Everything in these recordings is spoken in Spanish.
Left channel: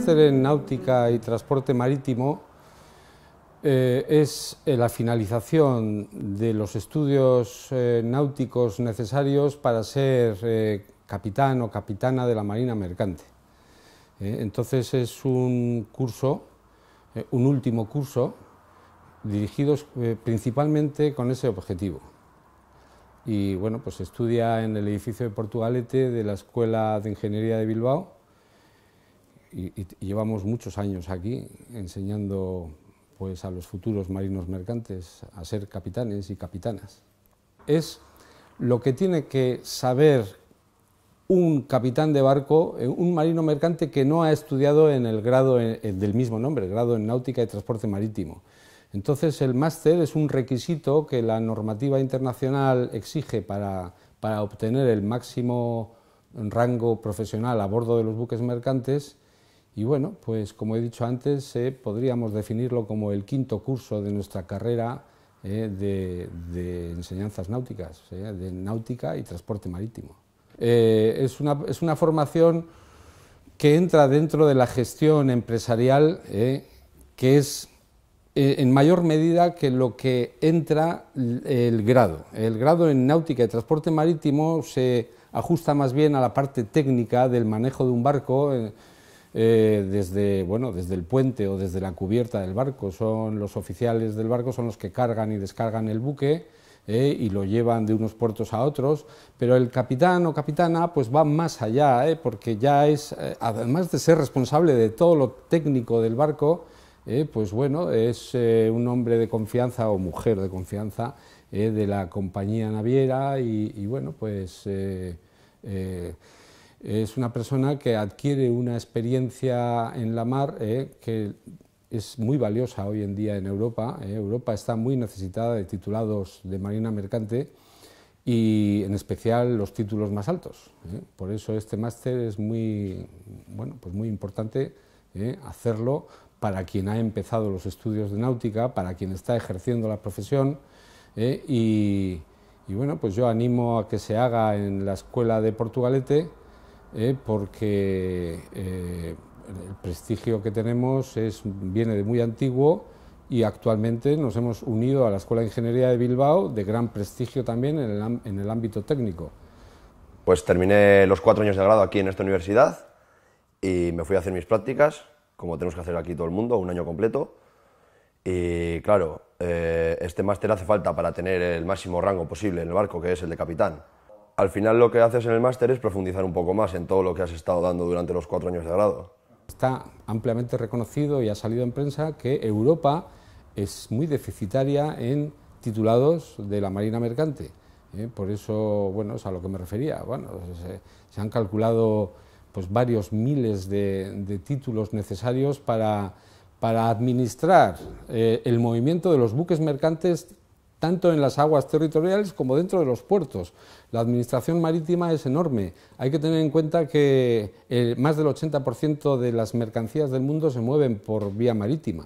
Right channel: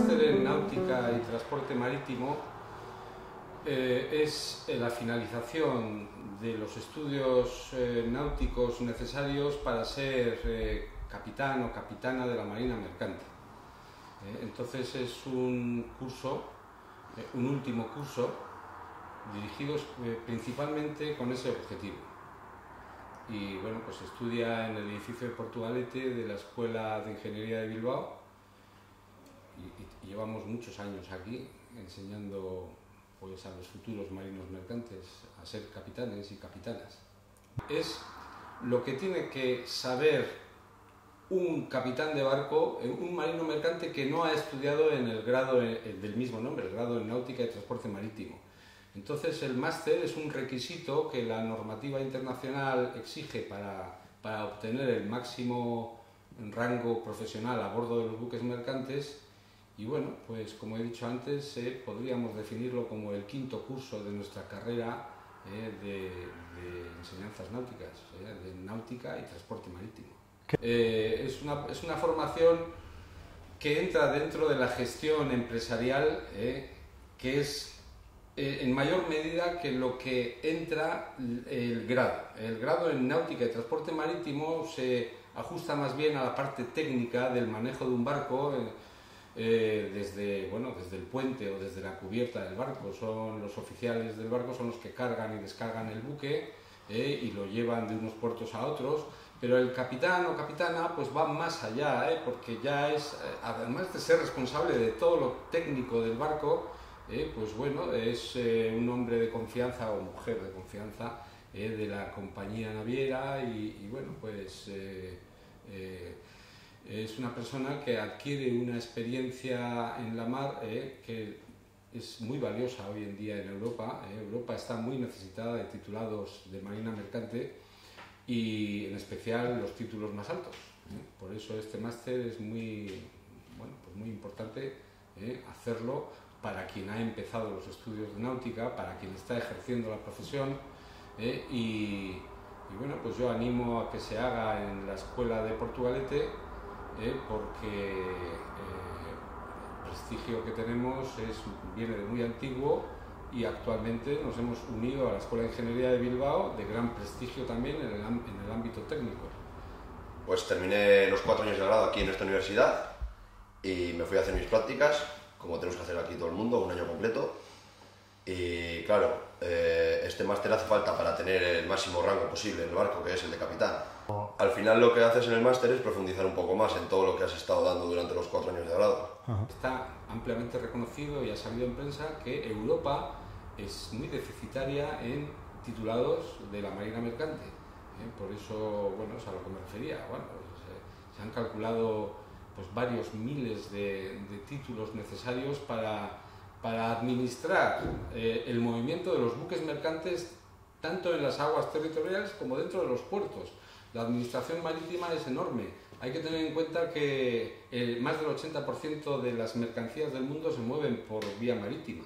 máster en náutica y transporte marítimo es la finalización de los estudios náuticos necesarios para ser capitán o capitana de la Marina Mercante. Entonces es un curso, un último curso, dirigido principalmente con ese objetivo. Y bueno, pues estudia en el edificio de Portugalete de la Escuela de Ingeniería de Bilbao y llevamos muchos años aquí enseñando pues a los futuros marinos mercantes a ser capitanes y capitanas. Es lo que tiene que saber un capitán de barco, un marino mercante que no ha estudiado en el grado del mismo nombre, el grado en náutica y transporte marítimo. Entonces el máster es un requisito que la normativa internacional exige para obtener el máximo rango profesional a bordo de los buques mercantes y bueno, pues como he dicho antes, podríamos definirlo como el quinto curso de nuestra carrera de enseñanzas náuticas, de náutica y transporte marítimo. Es una formación que entra dentro de la gestión empresarial, que es en mayor medida que lo que entra el grado. El grado en náutica y transporte marítimo se ajusta más bien a la parte técnica del manejo de un barco, desde el puente o desde la cubierta del barco. Son los oficiales del barco, son los que cargan y descargan el buque y lo llevan de unos puertos a otros, pero el capitán o capitana pues va más allá, porque ya es, además de ser responsable de todo lo técnico del barco, pues bueno, es un hombre de confianza o mujer de confianza de la compañía naviera y bueno, pues es una persona que adquiere una experiencia en la mar que es muy valiosa hoy en día en Europa. Europa está muy necesitada de titulados de marina mercante y en especial los títulos más altos. Por eso este máster es muy importante hacerlo para quien ha empezado los estudios de náutica, para quien está ejerciendo la profesión y bueno, pues yo animo a que se haga en la Escuela de Portugalete porque el prestigio que tenemos viene de muy antiguo y actualmente nos hemos unido a la Escuela de Ingeniería de Bilbao, de gran prestigio también en el ámbito técnico. Pues terminé los 4 años de grado aquí en esta universidad y me fui a hacer mis prácticas, como tenemos que hacer aquí todo el mundo, un año completo. Y claro, este máster hace falta para tener el máximo rango posible en el barco, que es el de capitán. Al final lo que haces en el máster es profundizar un poco más en todo lo que has estado dando durante los 4 años de grado. Está ampliamente reconocido y ha salido en prensa que Europa es muy deficitaria en titulados de la Marina Mercante. Por eso, bueno, es a lo que me refería. Bueno, se han calculado pues varios miles de títulos necesarios para administrar el movimiento de los buques mercantes tanto en las aguas territoriales como dentro de los puertos. La administración marítima es enorme. Hay que tener en cuenta que más del 80% de las mercancías del mundo se mueven por vía marítima.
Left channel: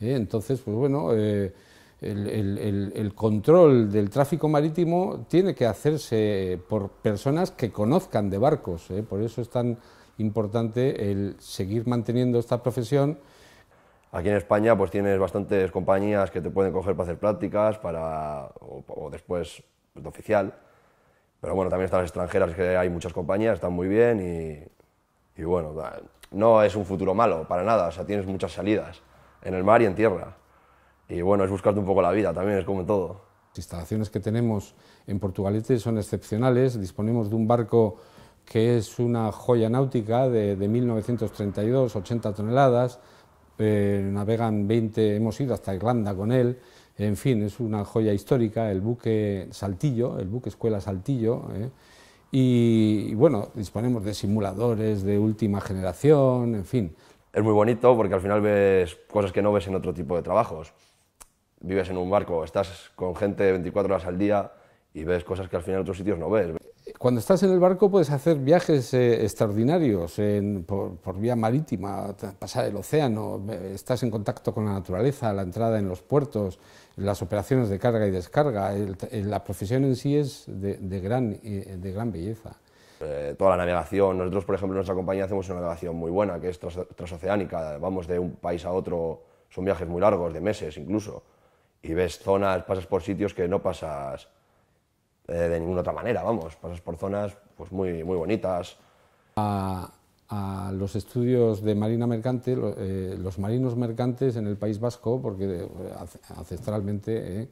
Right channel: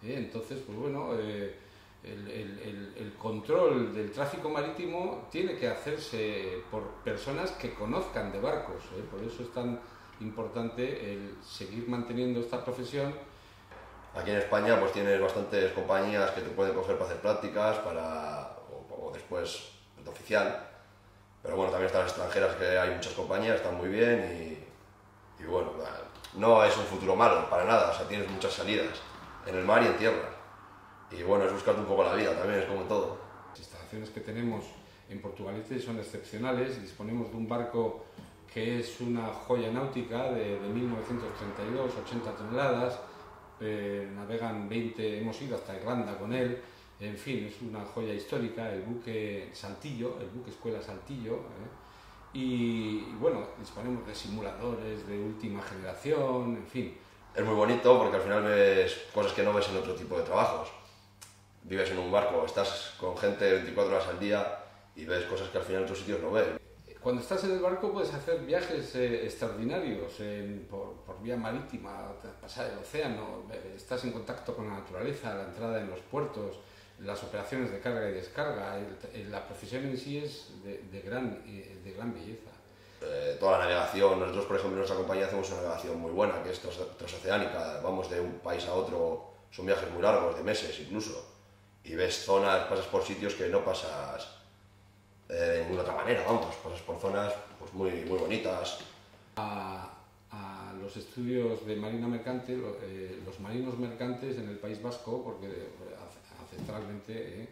Entonces, pues bueno, el control del tráfico marítimo tiene que hacerse por personas que conozcan de barcos. Por eso es tan importante el seguir manteniendo esta profesión. Aquí en España pues tienes bastantes compañías que te pueden coger para hacer prácticas o después de oficial. Pero bueno, también están las extranjeras, que hay muchas compañías, están muy bien y bueno, no es un futuro malo, para nada. O sea, tienes muchas salidas en el mar y en tierra. Y bueno, es buscarte un poco la vida también, es como todo. Las instalaciones que tenemos en Portugalete son excepcionales. Disponemos de un barco que es una joya náutica de 1932, 80 toneladas. Navegan 20, hemos ido hasta Irlanda con él. En fin, es una joya histórica, el buque Saltillo, el buque Escuela Saltillo. Y bueno, disponemos de simuladores de última generación, en fin. Es muy bonito porque al final ves cosas que no ves en otro tipo de trabajos. Vives en un barco, estás con gente 24 horas al día y ves cosas que al final en otros sitios no ves. Cuando estás en el barco puedes hacer viajes extraordinarios por vía marítima, pasar el océano, estás en contacto con la naturaleza, la entrada en los puertos, las operaciones de carga y descarga. La profesión en sí es de gran belleza. toda la navegación. Nosotros, por ejemplo, en nuestra compañía hacemos una navegación muy buena, que es transoceánica. Vamos de un país a otro, son viajes muy largos, de meses incluso. Y ves zonas, pasas por sitios que no pasas de ninguna otra manera, vamos. Pasas por zonas pues, muy, muy bonitas. A los estudios de marina mercante, los marinos mercantes en el País Vasco, porque ancestralmente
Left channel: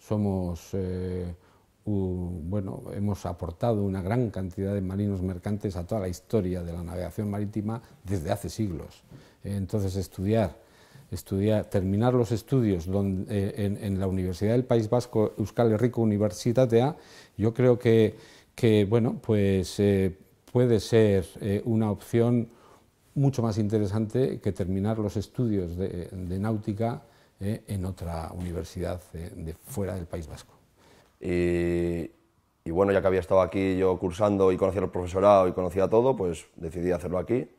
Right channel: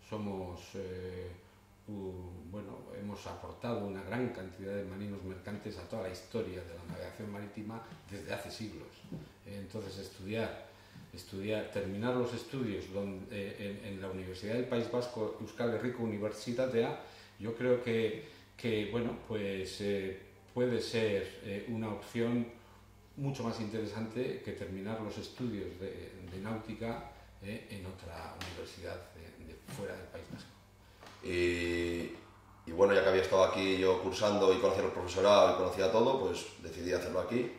somos, bueno, hemos aportado una gran cantidad de marinos mercantes a toda la historia de la navegación marítima desde hace siglos. Entonces terminar los estudios en la Universidad del País Vasco, Euskal Herriko Unibertsitatea, yo creo que bueno, pues puede ser una opción mucho más interesante que terminar los estudios de náutica en otra universidad de fuera del País Vasco. Y bueno, ya que había estado aquí yo cursando y conocía el profesorado y conocía todo, pues decidí hacerlo aquí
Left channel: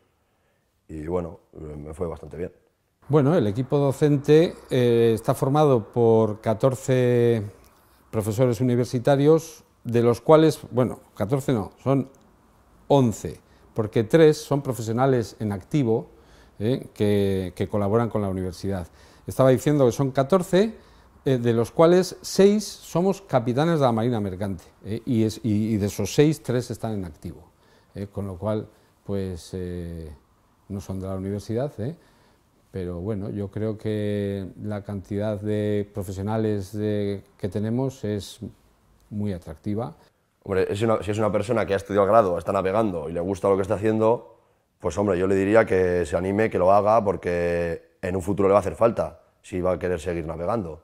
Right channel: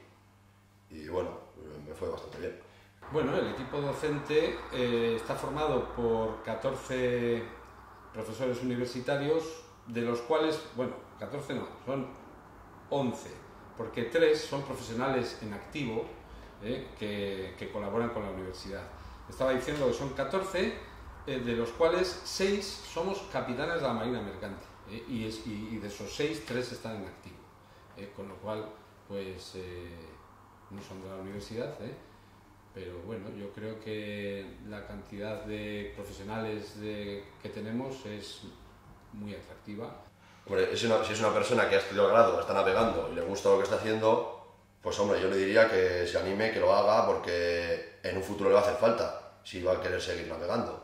y bueno, me fue bastante bien. Bueno, el equipo docente está formado por 14 profesores universitarios, de los cuales, bueno, 14 no, son 11, porque 3 son profesionales en activo que colaboran con la universidad. Estaba diciendo que son 14, de los cuales 6 somos capitanes de la Marina Mercante, y de esos 6, 3 están en activo, con lo cual, pues, no son de la universidad, pero bueno, yo creo que la cantidad de profesionales que tenemos es muy atractiva. Hombre, si es una persona que ha estudiado grado, está navegando y le gusta lo que está haciendo, pues hombre, yo le diría que se anime, que lo haga, porque en un futuro le va a hacer falta, si va a querer seguir navegando.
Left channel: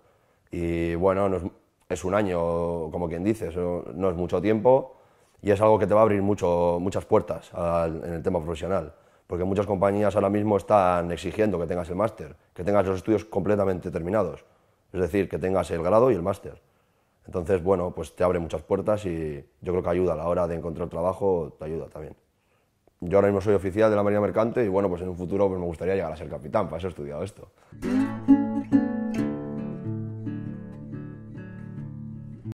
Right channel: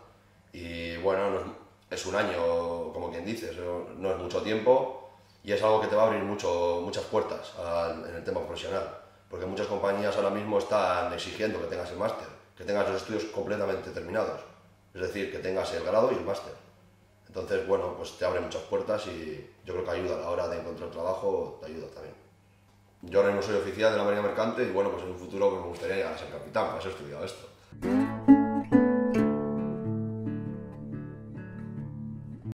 Y bueno, es un año, como quien dice, eso no es mucho tiempo y es algo que te va a abrir muchas puertas en el tema profesional, porque muchas compañías ahora mismo están exigiendo que tengas el máster, que tengas los estudios completamente terminados, es decir, que tengas el grado y el máster. Entonces, bueno, pues te abre muchas puertas y yo creo que ayuda a la hora de encontrar trabajo, te ayuda también. Yo ahora mismo soy oficial de la Marina Mercante y bueno, pues en un futuro pues me gustaría llegar a ser capitán, para eso he estudiado esto.